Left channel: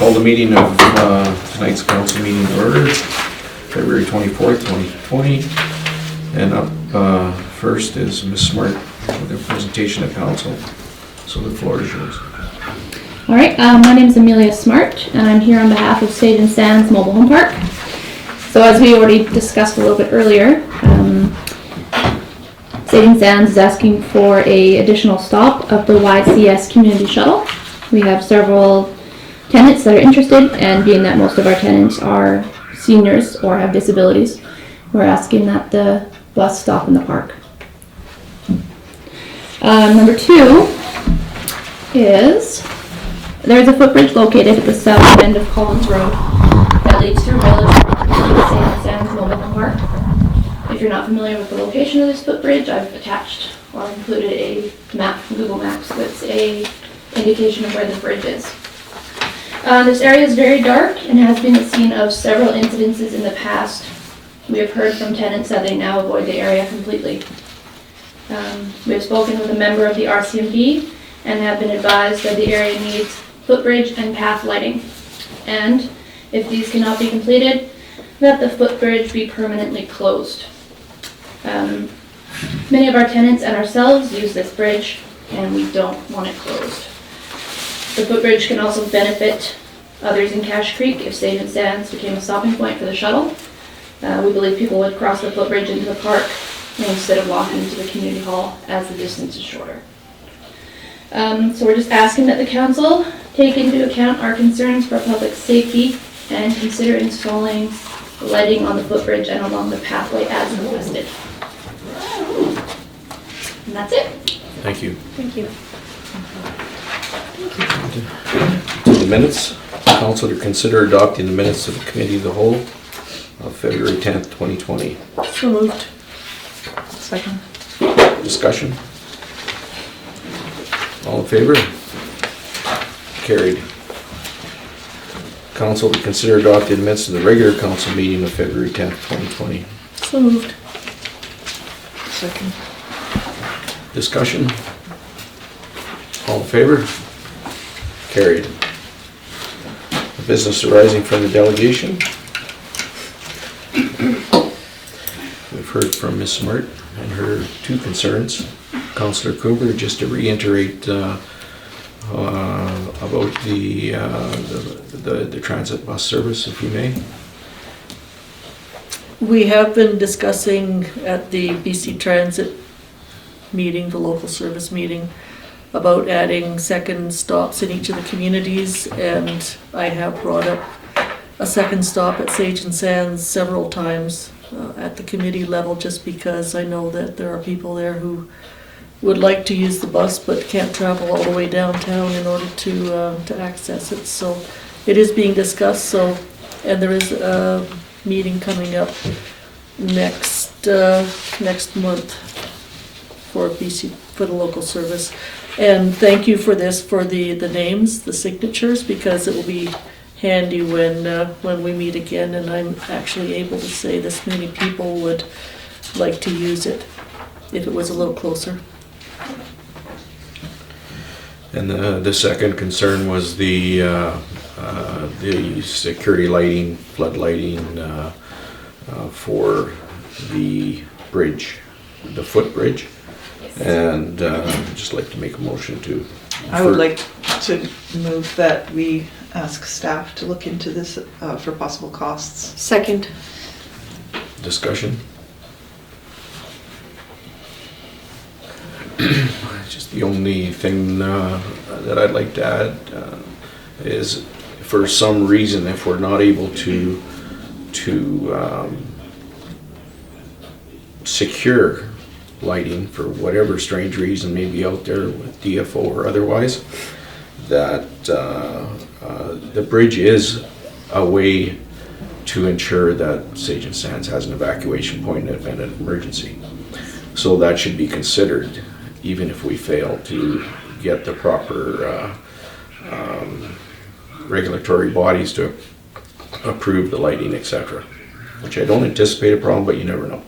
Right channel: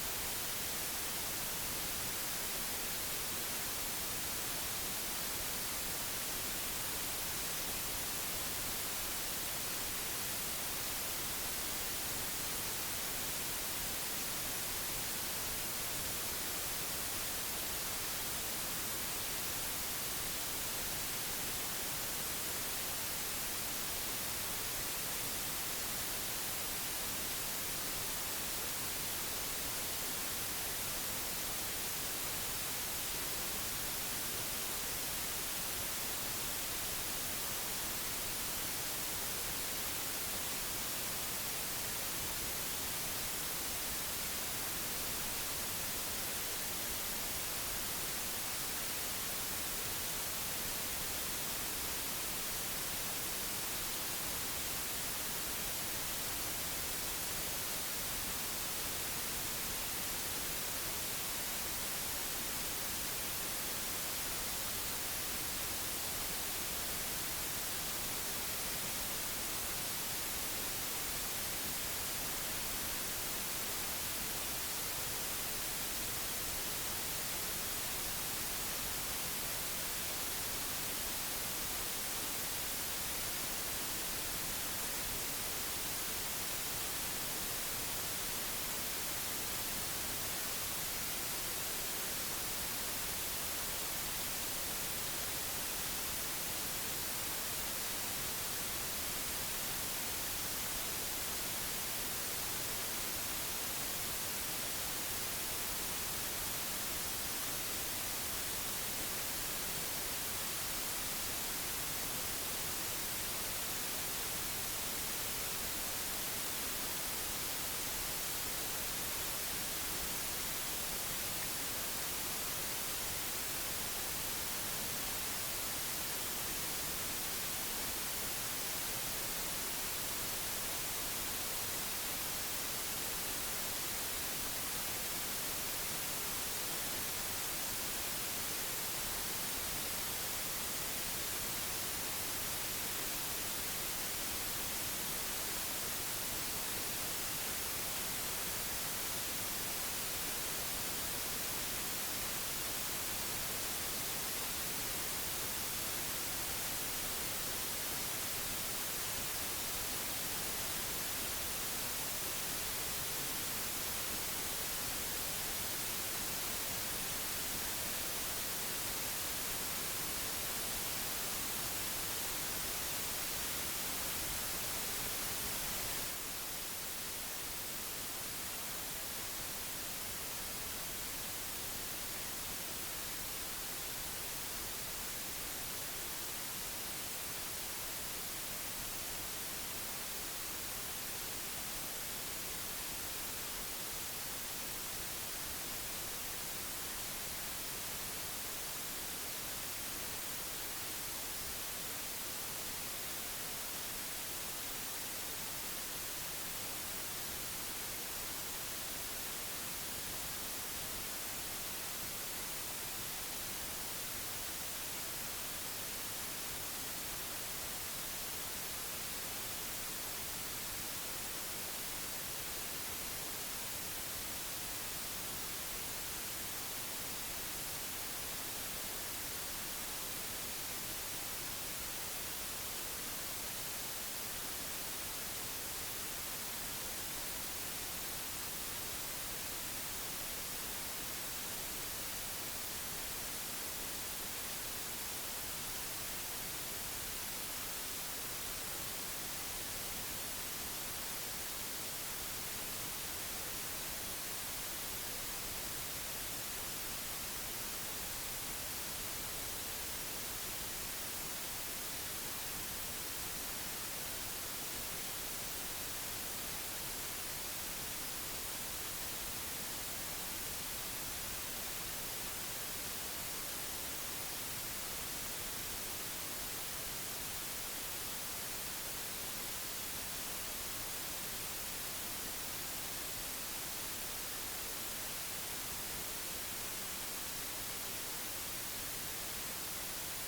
Call the meeting of tonight's council meeting to order, February 24th, 2020. And up first is Ms. Smart with a presentation of council. So the floor is yours. All right, my name is Amelia Smart, and I'm here on behalf of Sage and Sands Mobile Home Park. So as we already discussed a little bit earlier, Sage and Sands is asking for a additional stop of the YCS community shuttle. We have several tenants that are interested, and being that most of our tenants are seniors or have disabilities, we're asking that the bus stop in the park. Number two is there's a footbridge located at the south end of Collins Road that leads through village to St. Sands Mobile Home Park. If you're not familiar with the location of this footbridge, I've attached or included a map from Google Maps that's a indication of where the bridge is. This area is very dark and has been the scene of several incidences in the past. We have heard from tenants that they now avoid the area completely. We have spoken with a member of the RCMP and have been advised that the area needs footbridge and path lighting. And if these cannot be completed, that the footbridge be permanently closed. Many of our tenants and ourselves use this bridge, and we don't want it closed. The footbridge can also benefit others in Cache Creek if Sage and Sands became a stopping point for the shuttle. We believe people would cross the footbridge into the park instead of walking to the community hall as the distance is shorter. So we're just asking that the council take into account our concerns for public safety and consider installing lighting on the footbridge and along the pathway as requested. And that's it. Thank you. Thank you. To the minutes, council to consider adopting the minutes of the committee of the whole of February 10th, 2020. So moved. Second. Discussion? All in favor? Carried. Council to consider adopting the minutes of the regular council meeting of February 10th, 2020. So moved. Second. Discussion? All in favor? Carried. Business arising from the delegation. We've heard from Ms. Smart and her two concerns. Councillor Kugler, just to reiterate about the transit bus service, if you may. We have been discussing at the BC Transit meeting, the local service meeting, about adding second stops in each of the communities, and I have brought up a second stop at Sage and Sands several times at the committee level, just because I know that there are people there who would like to use the bus but can't travel all the way downtown in order to access it. So it is being discussed. So, and there is a meeting coming up next month for BC, for the local service. And thank you for this, for the names, the signatures, because it will be handy when we meet again and I'm actually able to say this many people would like to use it if it was a little closer. And the second concern was the security lighting, flood lighting for the bridge, the footbridge. And I'd just like to make a motion to... I would like to move that we ask staff to look into this for possible costs. Second. Discussion? Just the only thing that I'd like to add is, for some reason, if we're not able to secure lighting for whatever strange reason may be out there with DFO or otherwise, that the bridge is a way to ensure that Sage and Sands has an evacuation point in an emergency. So that should be considered, even if we fail to get the proper regulatory bodies to approve the lighting, etc. Which I don't anticipate a problem, but you never know.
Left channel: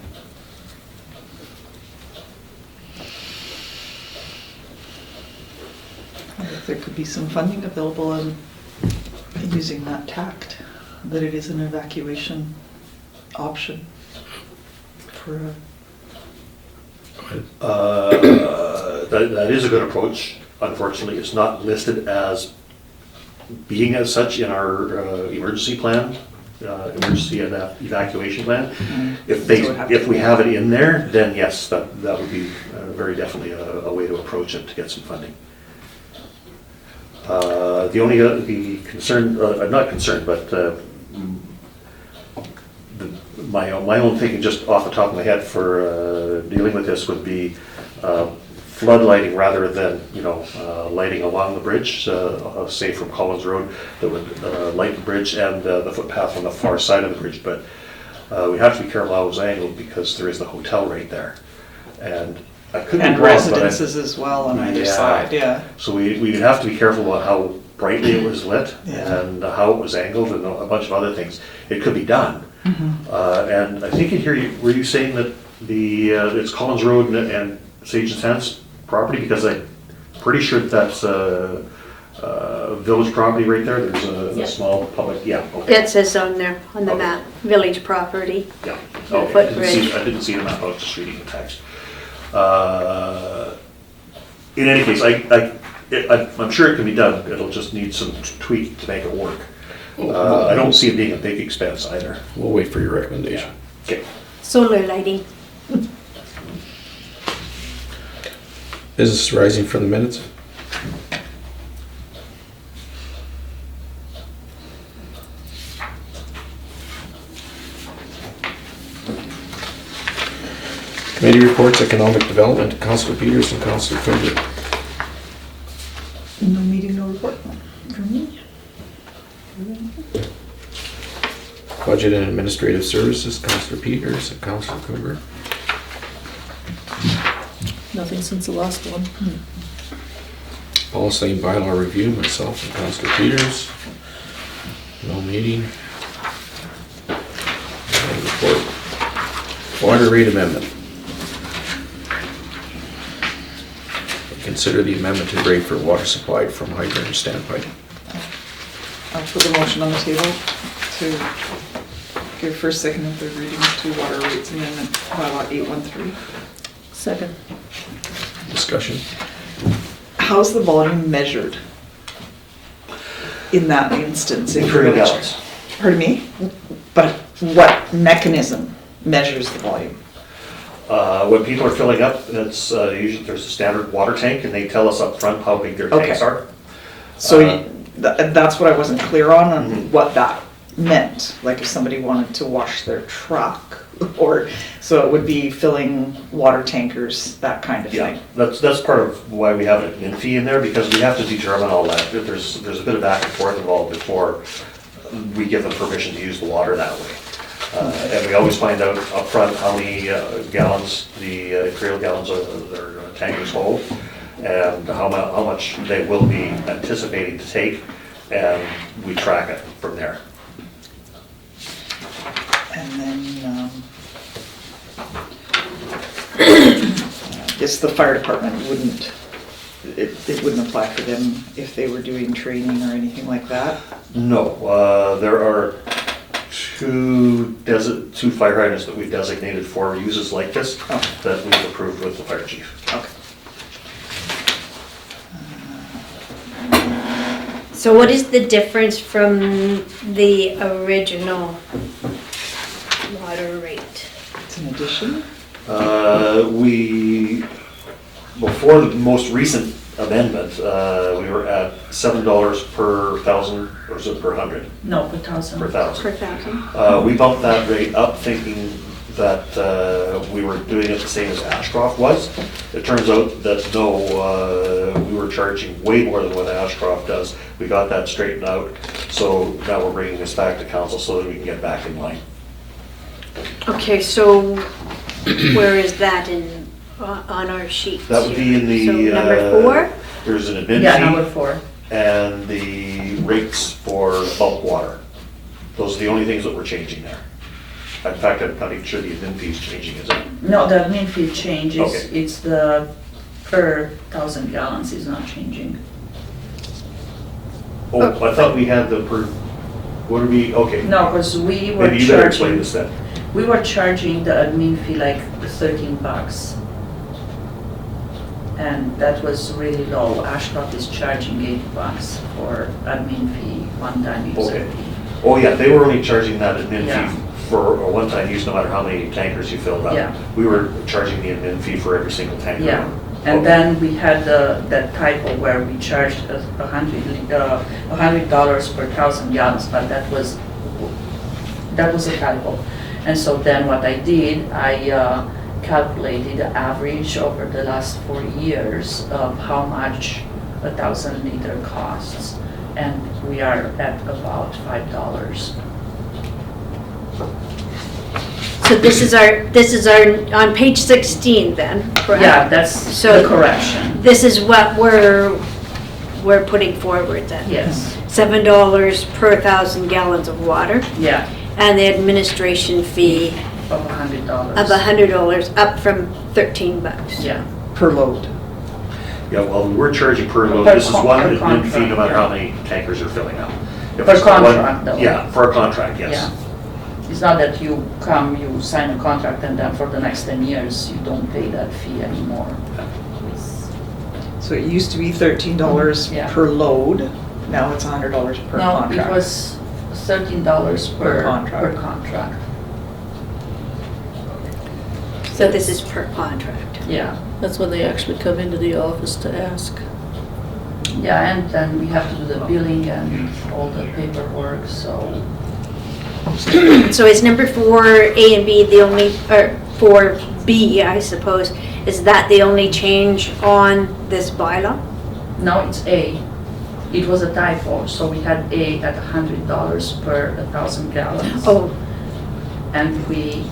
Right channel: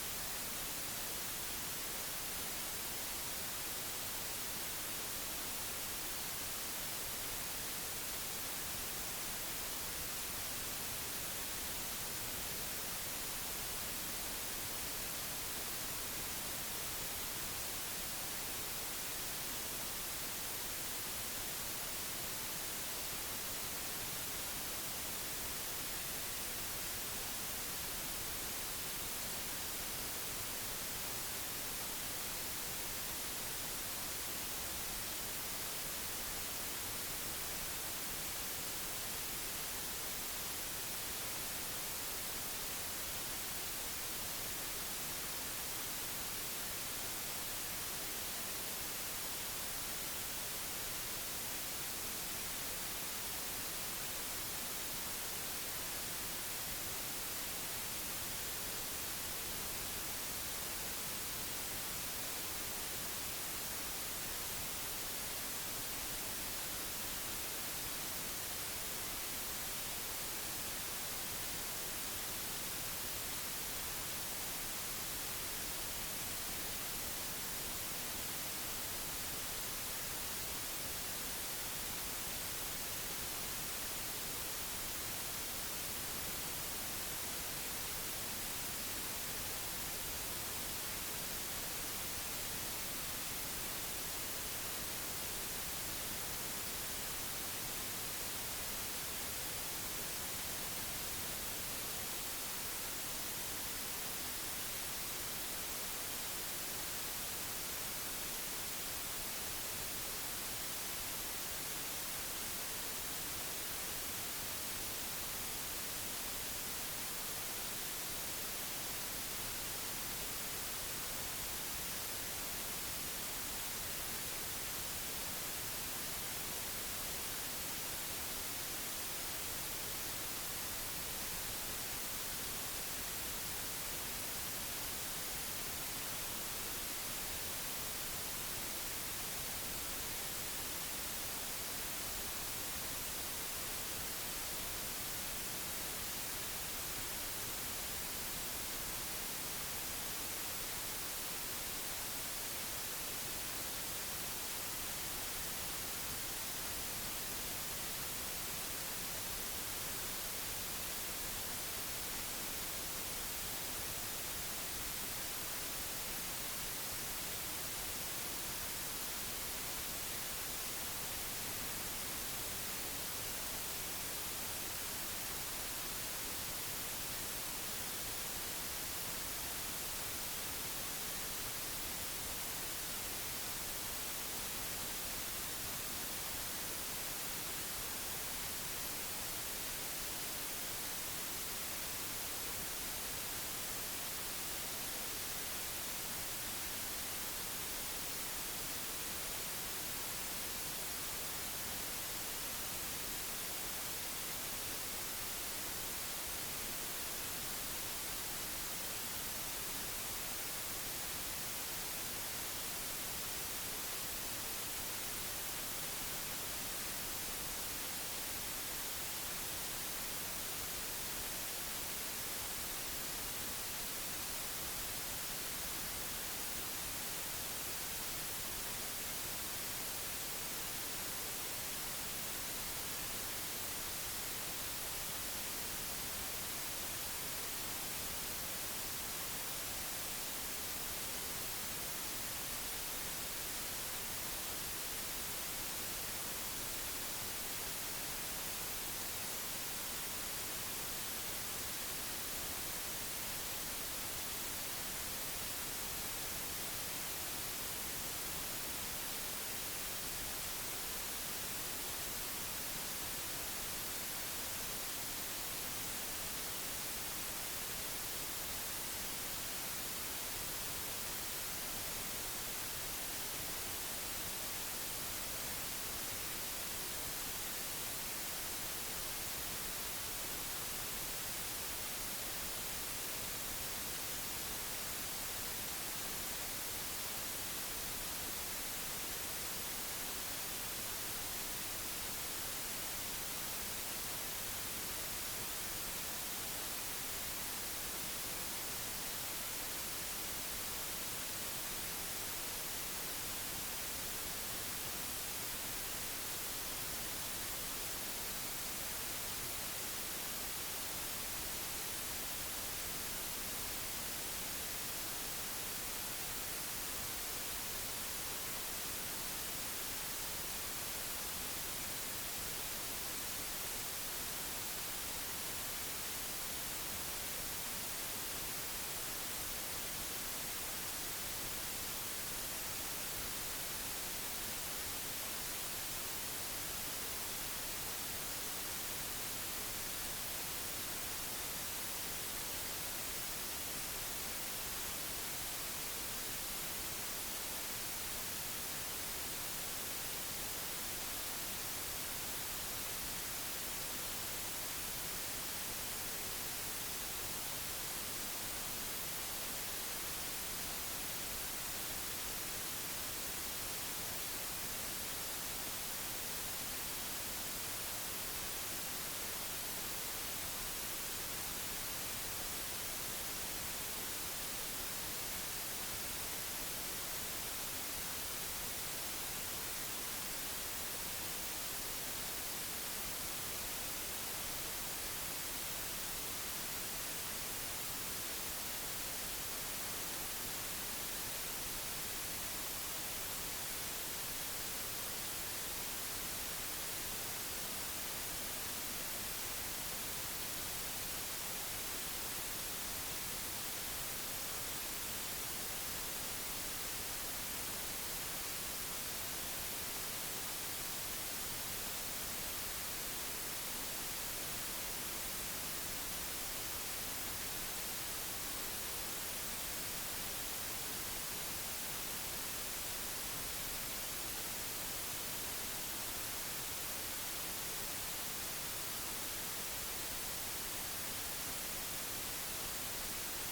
There could be some funding available in using that tact, that it is an evacuation option for That is a good approach. Unfortunately, it's not listed as being as such in our emergency plan, emergency evacuation plan. If they, So it would have to if we be- have it in there, then yes, that would be very definitely a way to approach it to get some funding. The only, the concern, not concern, but my own thinking just off the top of my head for dealing with this would be floodlighting rather than, lighting along the bridge, say from Collins Road, that would light the bridge and the footpath on the far side of the bridge. But we have to be careful how it's angled because there is the hotel right there. And I could be and wrong, but residences as well on either Yeah. side, yeah. So we would have to be careful about how brightly it was lit Yeah. and how it was angled and a bunch of other things. It could be done. And I think in here, were you saying that it's Collins Road and Sage and Sands property? Because I'm pretty sure that's village property right there. There's a Yeah. small public, yeah, okay. It says on there, on the Okay. map, village property. Yeah, The okay. I footbridge. didn't see the map, I was just reading the text. In any case, I'm sure it can be done. It'll just need some tweak to make it work. I don't see it being a big expense either. We'll wait for your recommendation. Okay. Solar lighting. Business arising from the minutes? Committee reports, economic development, Councilor Peters and Councilor Quimby. No meeting, no report from me. Budget and administrative services, Councilor Peters and Councilor Quimby. Nothing since the last one. Policy and bylaw review, myself and Councilor Peters. No meeting. No report. Water rate amendment. Consider the amendment to rate for water supplied from hydrant and standpipe. I'll put the motion on the table to give first, second, and third readings to water rates amendment bylaw 813. Second. Discussion. How's the volume measured in that instance? If Imperial you're- gallons. Pardon me? But what mechanism measures the volume? When people are filling up, it's usually there's a standard water tank, and they tell us up front how big their Okay. tanks are. So Uh, that's what I wasn't clear on Mhm. what that meant. Like if somebody wanted to wash their truck, or, so it would be filling water tankers, that kind of Yeah, thing. that's part of why we have an admin fee in there, because we have to determine all that. There's a bit of back and forth involved before we give them permission to use the water that way. And we always find out upfront how many gallons the imperial gallons of their tankers hold, and how much they will be anticipating to take, and we track it from there. And then, I guess the fire department wouldn't, it wouldn't apply for them if they were doing training or anything like that? No, there are two fire hydrants that we designated for uses like this, Oh. that we've approved with the fire chief. Okay. So what is the difference from the original water rate? It's an addition? Before the most recent amendment, we were at $7 per thousand, or is it per hundred? No, per thousand. Per thousand. Per thousand? We bumped that rate up thinking that we were doing it the same as Ashcroft was. It turns out that no, we were charging way more than what Ashcroft does. We got that straightened out, so now we're bringing this back to council so that we can get back in line. Okay, so where is that on our sheet? That would be in the. So number 4? There's an admin Yeah, fee. number 4. And the rates for bulk water. Those are the only things that we're changing there. In fact, I'm not even sure the admin fee is changing, is it? No, the admin fee changes. Okay. It's the per 1,000 gallons is not changing. Oh, I thought we had the what are we, okay. No, because we were Maybe you better explain charging, this then. we were charging the admin fee like $13. And that was really low. Ashcroft is charging $8 for admin fee, one-time user Okay. fee. Oh, yeah, they were only charging that admin Yeah. fee for a one-time use, no matter how many tankers you filled up. Yeah. We were charging the admin fee for every single tanker. Yeah, and Okay. then we had that typo where we charged $100 per 1,000 gallons, but that was a typo. And so then what I did, I calculated the average over the last 4 years of how much 1,000 liter costs, and we are at about $5. So this is our, on page 16 then, correct? Yeah, that's So- the correction. This is what we're putting forward then? Yes, $7 per 1,000 gallons of water, yeah, and the administration fee of $100. of $100, up from $13. Yeah. Per load. Yeah, well, we were charging per load, Per this is con- one per admin fee, no contract, matter yeah. how many tankers are filling up. If Per it's one- contract, though. Yeah, for a contract, yes. Yeah. It's not that you come, you sign a contract, and then for the next 10 years, you don't pay that fee anymore. So it used to be $13 Yeah. per load, now it's $100 per No, contract. it was $13 Per per contract. contract. So this is per contract. Yeah, That's when they actually come into the office to ask. yeah, and then we have to do the billing and all the paperwork, so, So is number 4A and B the only, or 4B, I suppose, is that the only change on this bylaw? no, it's A. It was a typo, so we had A at $100 per 1,000 gallons. Oh, And we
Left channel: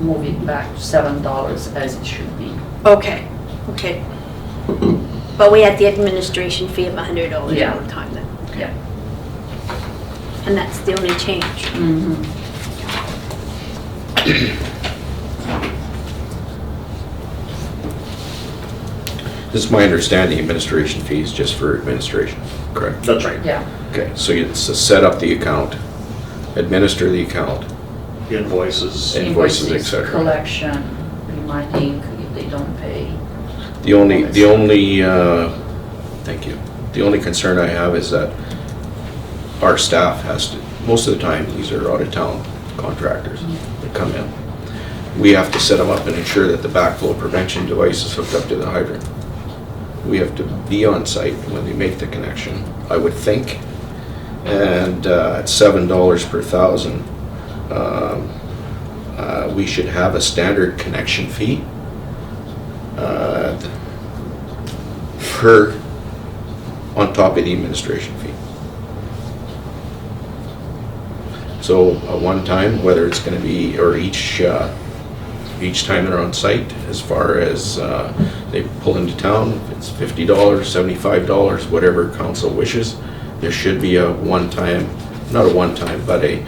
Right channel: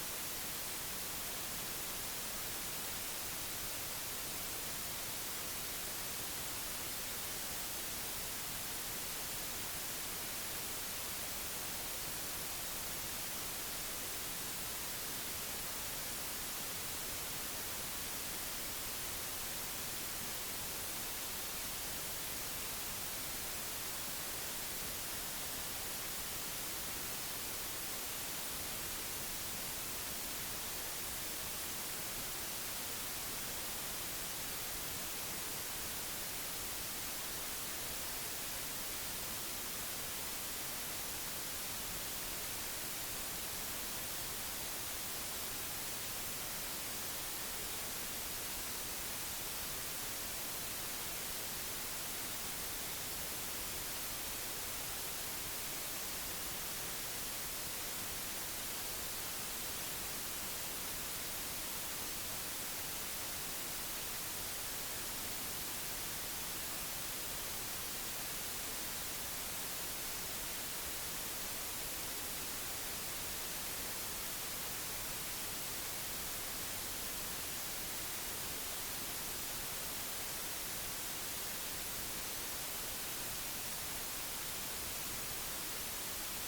moved it back to $7 as it should be. okay, okay. But we had the administration fee of $100 Yeah. all the time then, Yeah. and that's the only change. Mhm. This is my understanding, administration fees just for administration, correct? That's right. Yeah. Okay, so it's to set up the account, administer the account, Invoices. Invoices, et cetera. Collection, reminding if they don't pay. The only, thank you. The only concern I have is that our staff has to, most of the time, these are out-of-town contractors that come in. We have to set them up and ensure that the backflow prevention device is hooked up to the hydrant. We have to be on site when they make the connection, I would think. And at $7 per 1,000, we should have a standard connection fee per, on top of the administration fee. So a one-time, whether it's gonna be, or each time they're on site, as far as they pull into town, if it's $50, $75, whatever council wishes, there should be a one-time, not a one-time, but a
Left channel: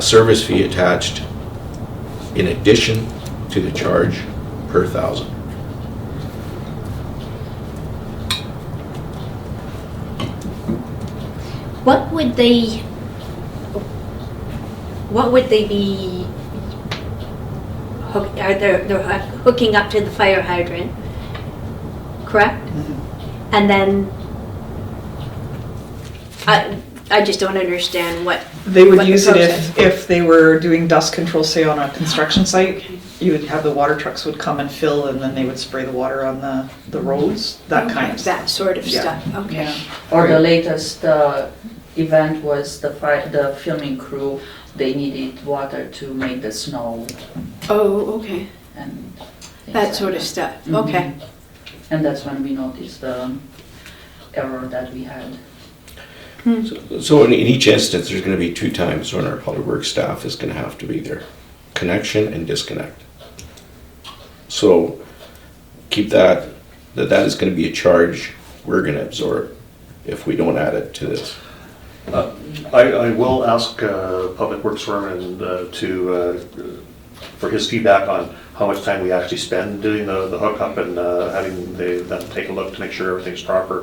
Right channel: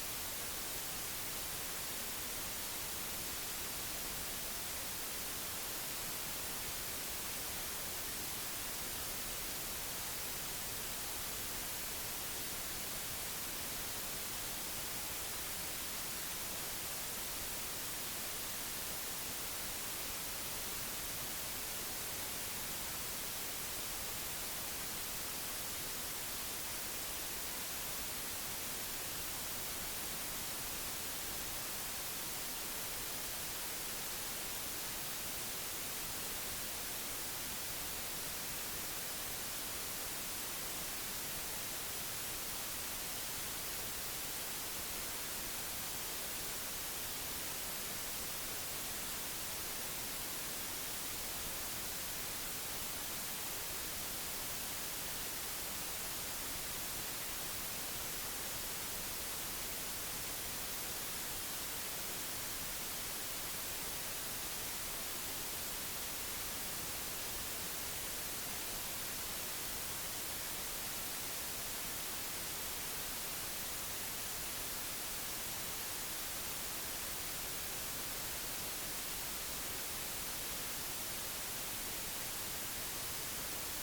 service fee attached in addition to the charge per 1,000. What would they be, they're hooking up to the fire hydrant, correct? And then, I just don't understand what. They what would the use it process- if they were doing dust control, say on a construction site. You would have the water trucks would come and fill, and then they would spray the water on the roads, that kind of stuff. That sort of Yeah. stuff, okay. Yeah. Or the latest event was the filming crew, they needed water to make the snow Oh, okay, and. that sort of stuff, okay. Mhm. And that's when we noticed the error that we had. So in each instance, there's gonna be 2 times when our public works staff is gonna have to be there, connection and disconnect. So keep that is gonna be a charge we're gonna absorb if we don't add it to this. I will ask Public Works Foreman for his feedback on how much time we actually spend doing the hookup and having them take a look to make sure everything's proper.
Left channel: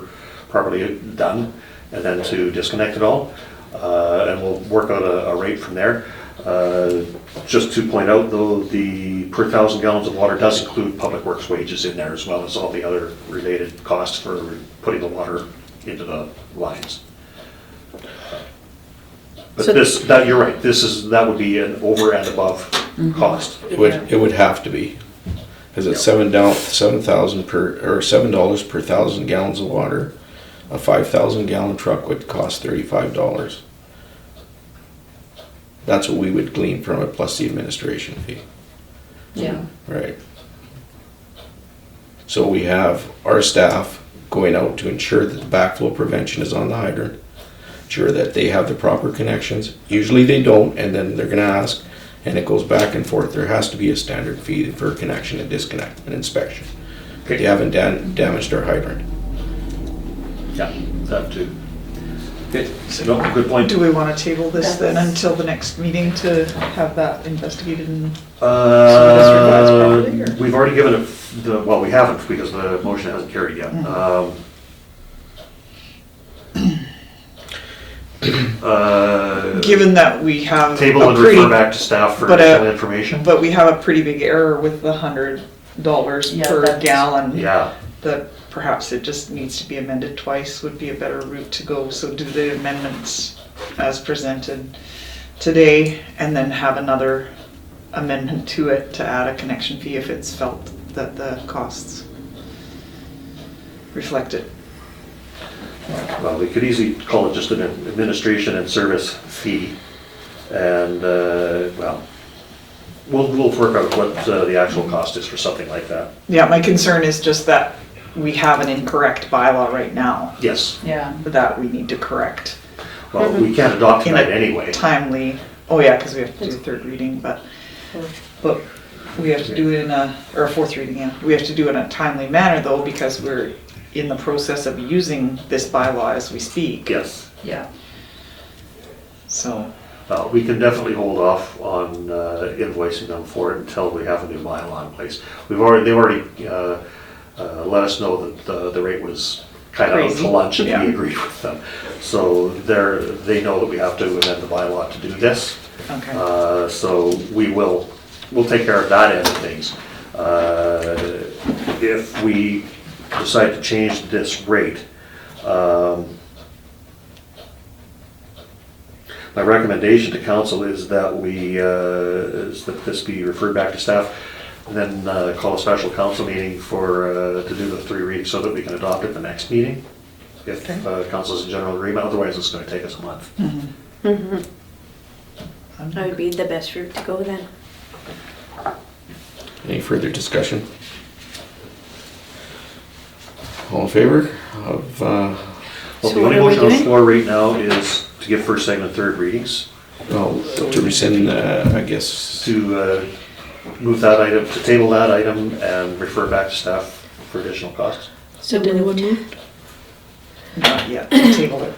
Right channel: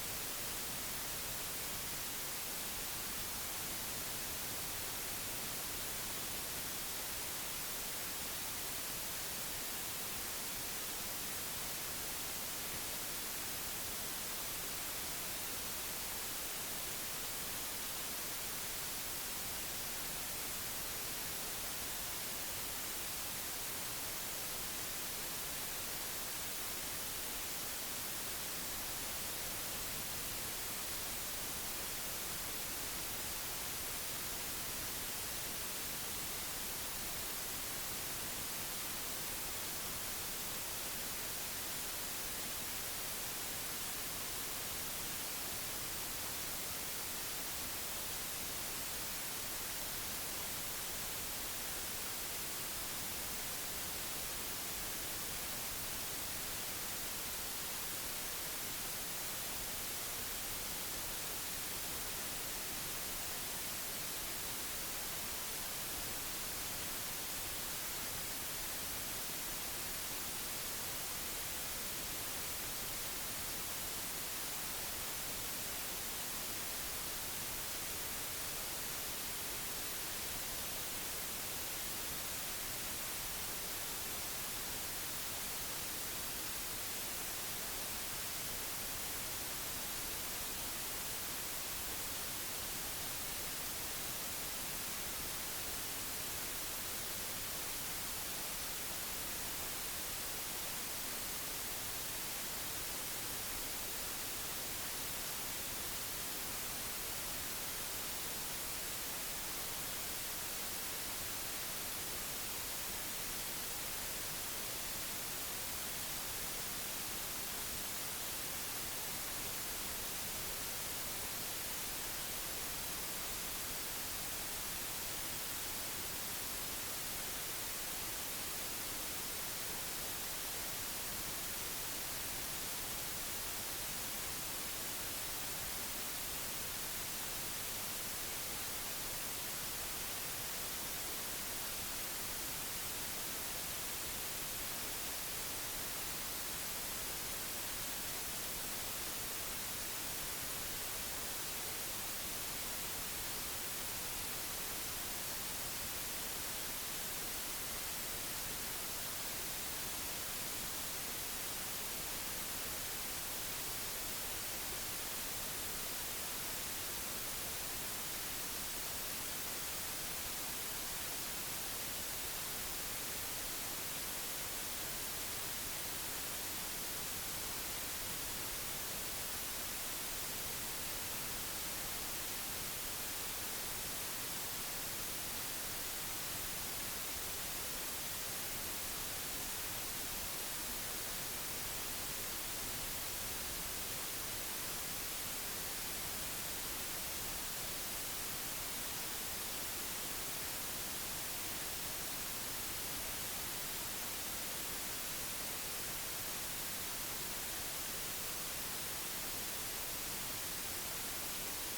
properly done, and then to disconnect it all. And we'll work out a rate from there. Just to point out though, the per 1,000 gallons of water does include public works wages in there as well as all the other related costs for putting the water into the lines. But So- you're right, that would be an over and above cost. It would have to be, because it's $7,000 per, or $7 per 1,000 gallons of water. A 5,000 gallon truck would cost $35. That's what we would glean from it, plus the administration fee. Yeah. Right. So we have our staff going out to ensure that the backflow prevention is on the hydrant, ensure that they have the proper connections. Usually they don't, and then they're gonna ask, and it goes back and forth. There has to be a standard fee for connection and disconnect and inspection. If you haven't damaged our hydrant. Yeah, that too. Okay, no, good point. Do we want to table this then until the next meeting to have that investigated and properly, or? We've already given it, well, we haven't because the motion hasn't carried yet. Given that we have Table a and pretty, refer back to staff for but, additional information. but we have a pretty big error with the $100 Yeah, per that's- gallon. Yeah, That perhaps it just needs to be amended twice would be a better route to go. So do the amendments as presented today and then have another amendment to it to add a connection fee if it's felt that the costs reflect it. well, we could easily call it just an administration and service fee. And, well, we'll work out what the actual cost is for something like that. Yeah, my concern is just that we have an incorrect bylaw right now Yes, Yeah. that we need to correct. well, we can't adopt In a tonight anyway. Timely, oh yeah, because we have to do third reading, but we have to do it in or fourth reading, yeah. We have to do it in a timely manner though, because we're in the process of using this bylaw as we speak. Yes. Yeah. So, We can definitely hold off on invoicing them for it until we have a new bylaw in place. They've already let us know that the rate was kind of out Crazy. to lunch and Yeah. we agreed with them. So they know that we have to amend the bylaw to do this. okay. So we'll take care of that end of things. If we decide to change this rate, my recommendation to council is that this be referred back to staff, and then call a special council meeting to do the 3 readings so that we can adopt it the next meeting. If council is in general agreement, otherwise it's gonna take us a month. Mhm. That would be the best route to go then. Any further discussion? All in favor of, Well, So the what only are we motion on the doing? floor right now is to give first, second, and third readings, to rescind, I guess, to move that item, to table that item and refer back to staff for additional costs. So did anyone move? Not yet, table it.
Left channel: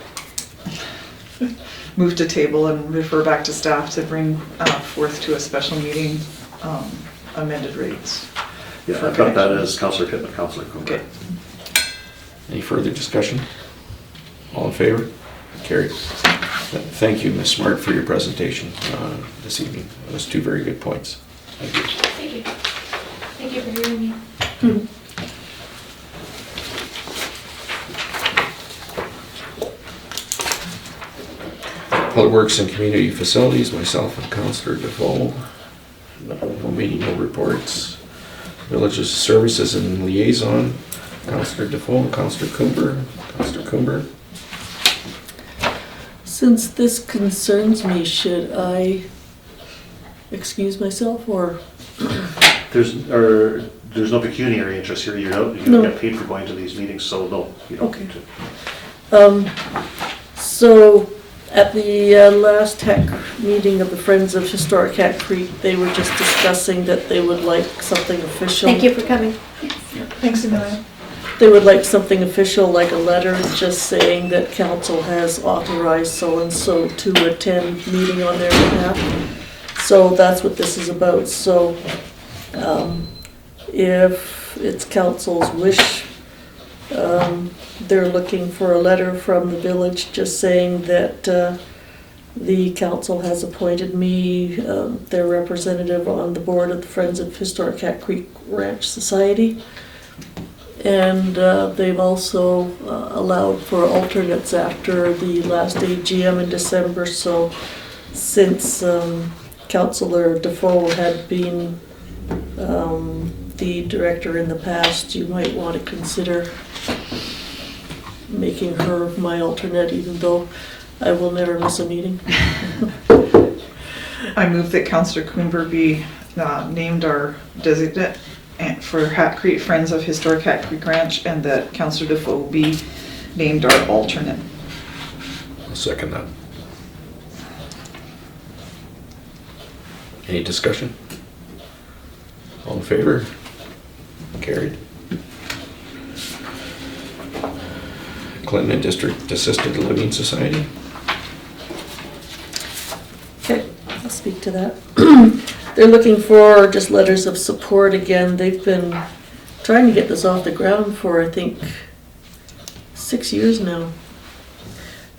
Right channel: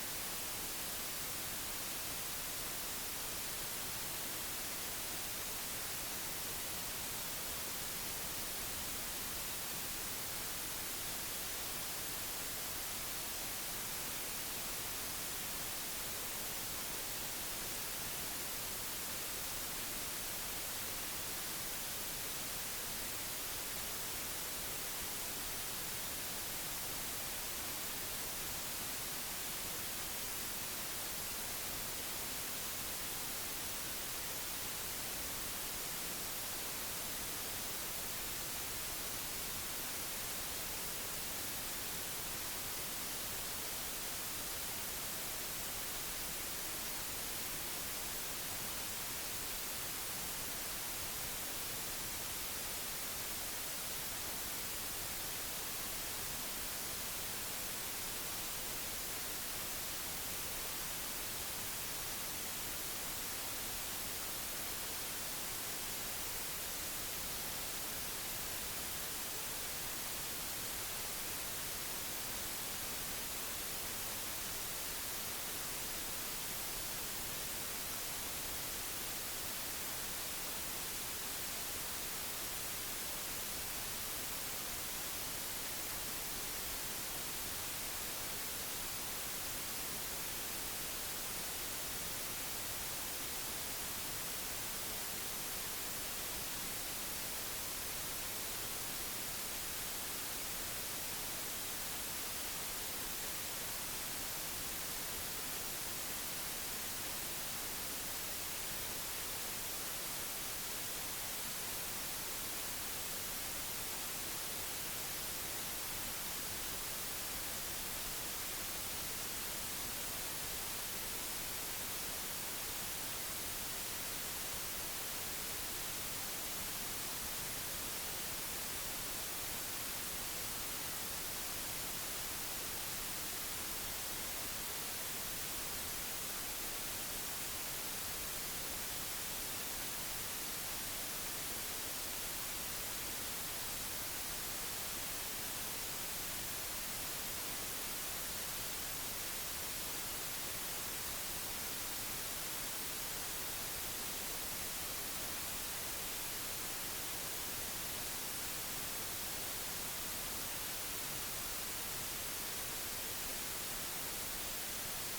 Move to table and refer back to staff to bring forth to a special meeting amended rates. Yeah, for I've got that connection. as Councillor Pittman, Councillor Cooper. Okay. any further discussion? All in favor? Carried. Thank you, Ms. Smart, for your presentation this evening. Those 2 very good points. Thank you. Thank you. Thank you for hearing me. Public Works and Community Facilities, myself and Councillor Defoe. No meeting, no reports. Villages Services and Liaison, Councillor Defoe and Councillor Cooper. Councillor Cooper. Since this concerns me, should I excuse myself or? There's no pecuniary interest here, you don't No. get paid for going to these meetings, so no, you don't Okay. need to. So at the last TAC meeting of the Friends of Historic Cat Creek, they were just discussing that they would like something official. Thank you for coming. Thanks, Amelia. They would like something official, like a letter just saying that council has authorized so-and-so to attend meeting on their behalf. So that's what this is about. So if it's council's wish, they're looking for a letter from the village just saying that the council has appointed me their representative on the board of the Friends of Historic Cat Creek Ranch Society. And they've also allowed for alternates after the last AGM in December. So since Councillor Defoe had been the director in the past, you might want to consider making her my alternate, even though I will never miss a meeting. I move that Councillor Coomber be named our designate for Hat Creek Friends of Historic Hat Creek Ranch, and that Councillor Defoe be named our alternate. I'll second that. Any discussion? All in favor? Carried. Clinton District Assisted Living Society. Okay, I'll speak to that. They're looking for just letters of support again. They've been trying to get this off the ground for, I think, 6 years now.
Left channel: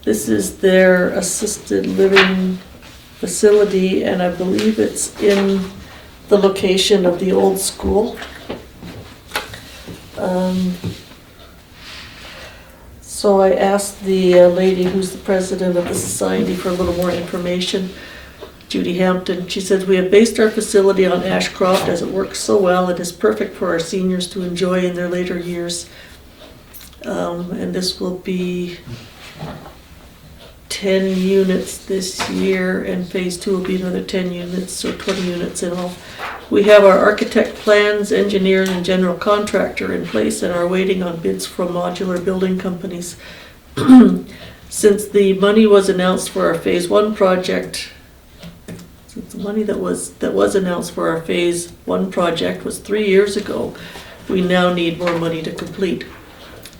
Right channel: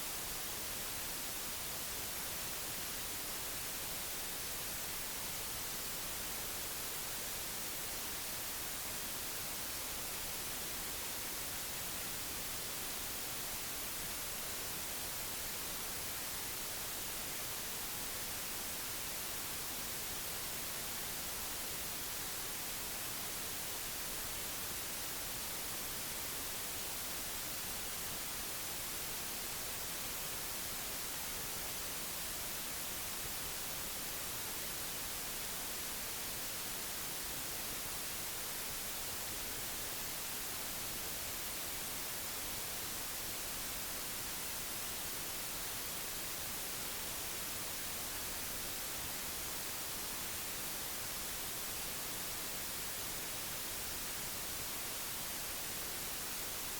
This is their assisted living facility, and I believe it's in the location of the old school. So I asked the lady who's the president of the society for a little more information, Judy Hampton. She says, "We have based our facility on Ashcroft as it works so well and is perfect for our seniors to enjoy in their later years." And this will be 10 units this year, and phase 2 will be another 10 units, so 20 units in all. We have our architect plans, engineer, and general contractor in place and are waiting on bids from modular building companies. Since the money was announced for our phase 1 project, since the money that was announced for our phase 1 project was 3 years ago, we now need more money to complete.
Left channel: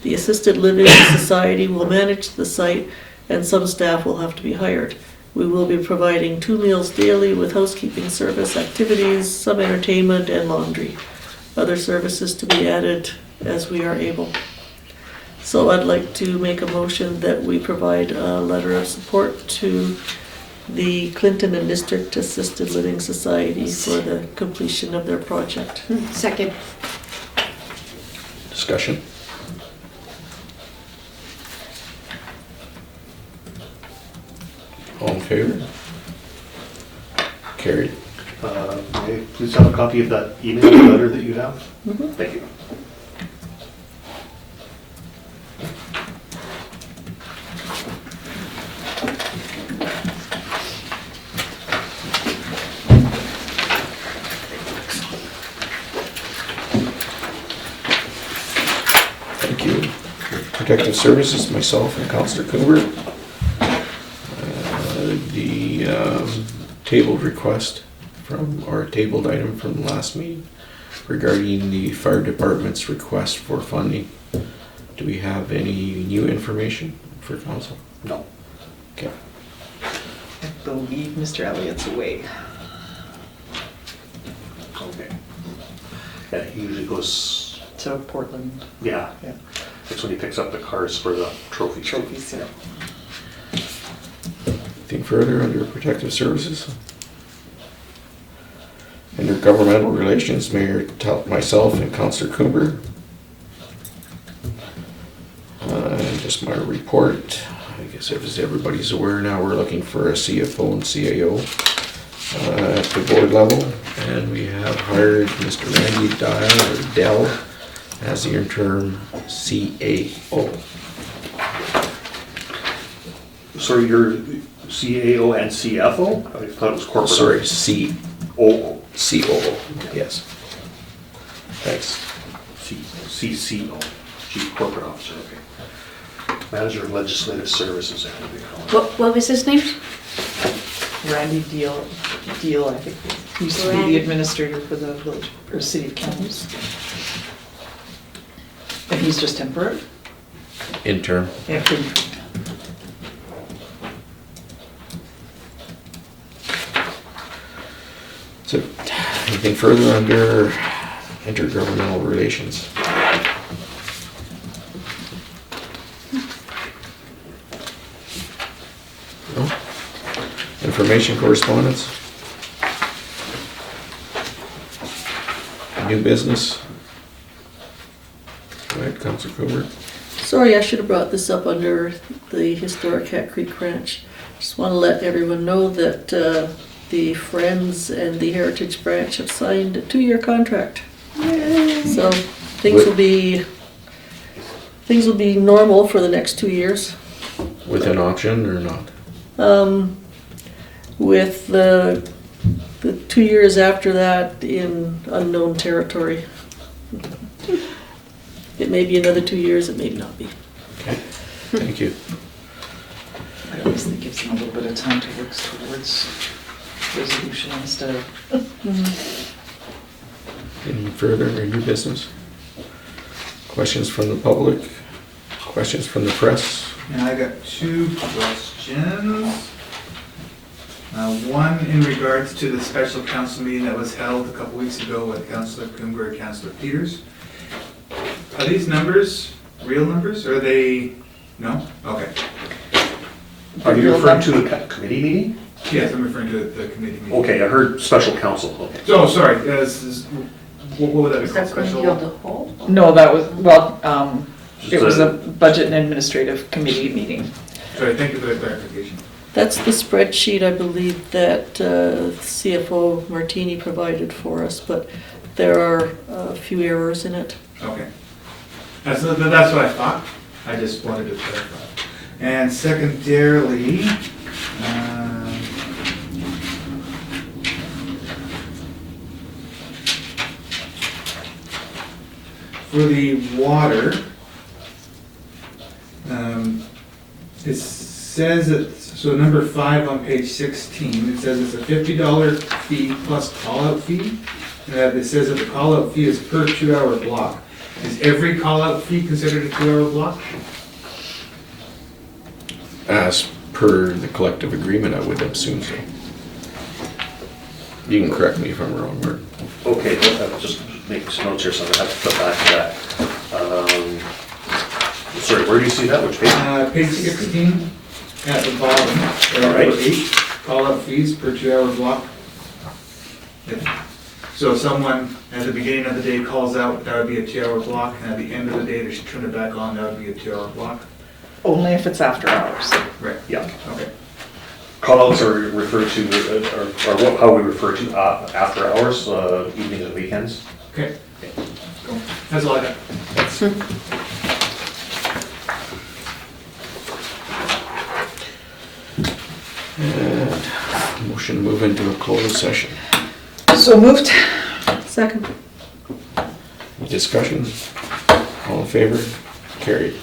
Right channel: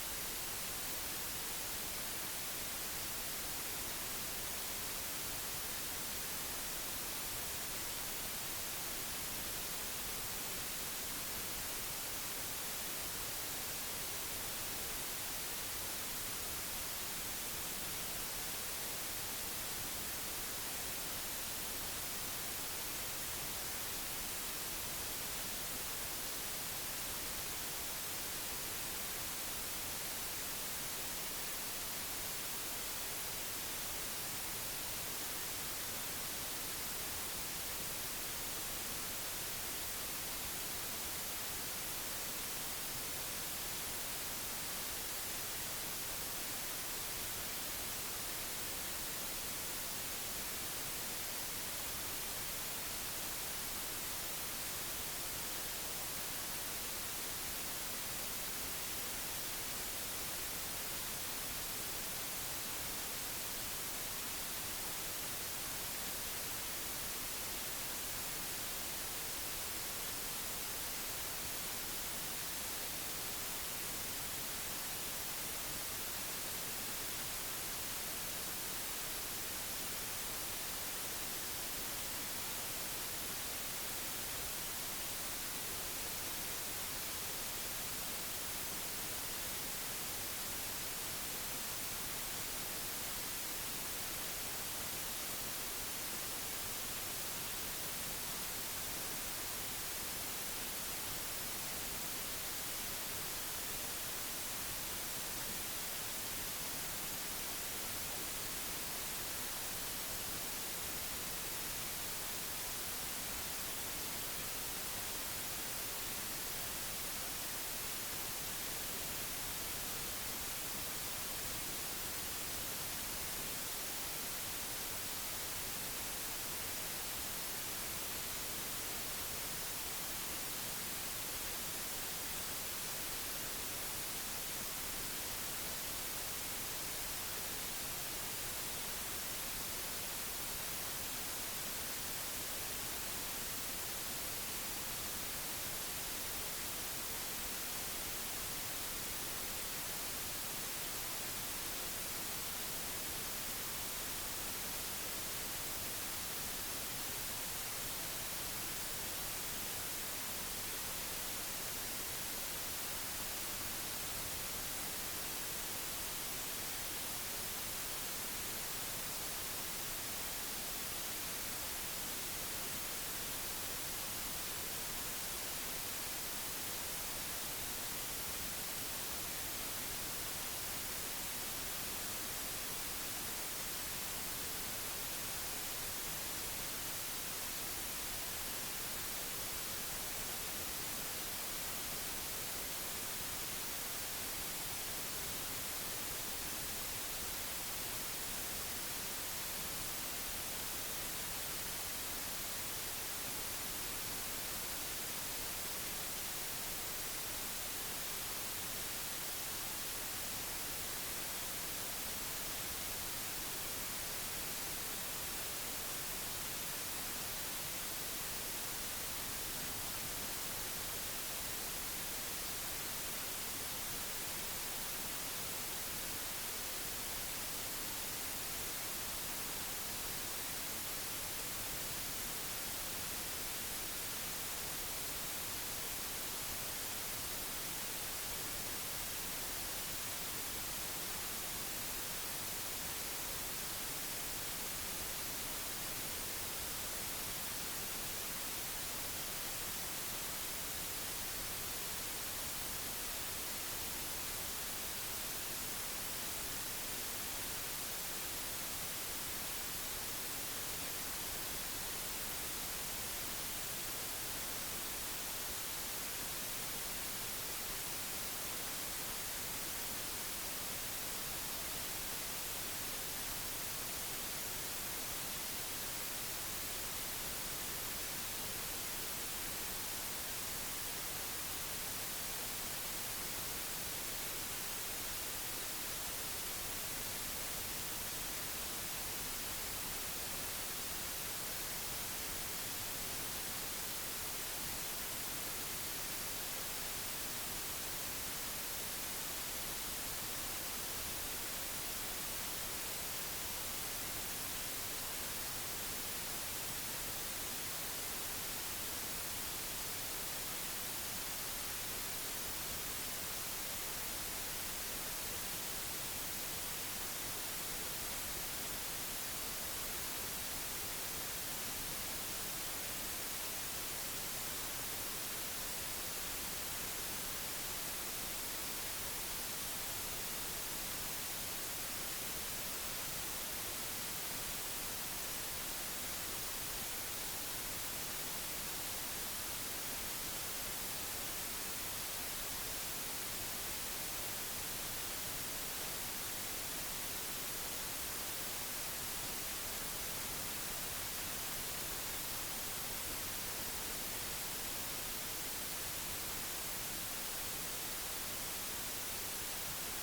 The Assisted Living Society will manage the site, and some staff will have to be hired. We will be providing 2 meals daily with housekeeping service, activities, some entertainment, and laundry. Other services to be added as we are able. So I'd like to make a motion that we provide a letter of support to the Clinton and District Assisted Living Society for the completion of their project. Second. Discussion? All in favor? Carried. May I please have a copy of that email letter that you have? Mhm. Thank you. Thank you. Protective Services, myself and Councillor Cooper. The tabled request from, or tabled item from the last meeting regarding the fire department's request for funding. Do we have any new information for council? No. Okay. I believe Mr. Elliott's away. Okay. Yeah, he usually goes, To Portland. yeah, Yeah. that's when he picks up the cars for the trophy. Trophies, yeah. Anything further under Protective Services? Under Governmental Relations, Mayor, myself and Councillor Cooper. Just my report. I guess as everybody's aware now, we're looking for a CFO and CAO at the board level. And we have hired Mr. Randy Dell as the interim CAO. So you're CAO and CFO? I thought it was corporate. Sorry, COO. COO, yes. Thanks. CCO, Chief Corporate Officer, okay. Manager of Legislative Services. What was his name? Randy Deal, I think, he used to be Randy. the administrator for the village, or city of Kamloops. And he's just temporary? Interim. Yeah. Good. So, anything further under intergovernmental relations? information correspondence? New business? Go ahead, Councilor Cooper. Sorry, I should have brought this up under the historic Hat Creek Ranch. Just want to let everyone know that the Friends and the Heritage Branch have signed a 2-year contract. So things will be normal for the next 2 years. With an option or not? With the 2 years after that in unknown territory. It may be another 2 years, it may not be. Okay, thank you. I always think it gives them a little bit of time to work towards resolution instead of. Any further or new business? Questions from the public? Questions from the press? And I got 2 questions. One in regards to the special council meeting that was held a couple weeks ago with Councilor Coomber and Councilor Peters. Are these numbers real numbers, or are they, no? Okay. Are you referring to the committee meeting? Yes, I'm referring to the committee meeting. Okay, I heard special council, okay. Oh, sorry, what would that be Is called? that committee Special? of the whole? No, that was, well, Just it was a budget and administrative committee meeting. Sorry, thank you for the clarification. That's the spreadsheet, I believe, that CFO Martini provided for us, but there are a few errors in it. Okay. That's what I thought. I just wanted to clarify. And secondarily, for the water, it says that, so number 5 on page 16, it says it's a $50 fee plus call-out fee. It says that the call-out fee is per 2-hour block. Is every call-out fee considered a 2-hour block? As per the collective agreement, I would assume so. You can correct me if I'm wrong, Mark. Okay, just make some notes here, so I'm gonna have to flip back to that. Sorry, where do you see that, which page? Page 16, at the bottom, All right. number 8, call-out fees per 2-hour block. Yeah. So if someone at the beginning of the day calls out, that would be a 2-hour block, and at the end of the day, they should turn it back on, that would be a 2-hour block. Only if it's after hours. Right. Yeah. Okay. Callouts are referred to, how we refer to after hours, evenings and weekends. Okay. Cool. That's all I got. And motion to move into a closed session. So moved. Second. Discussion? All in favor? Carried.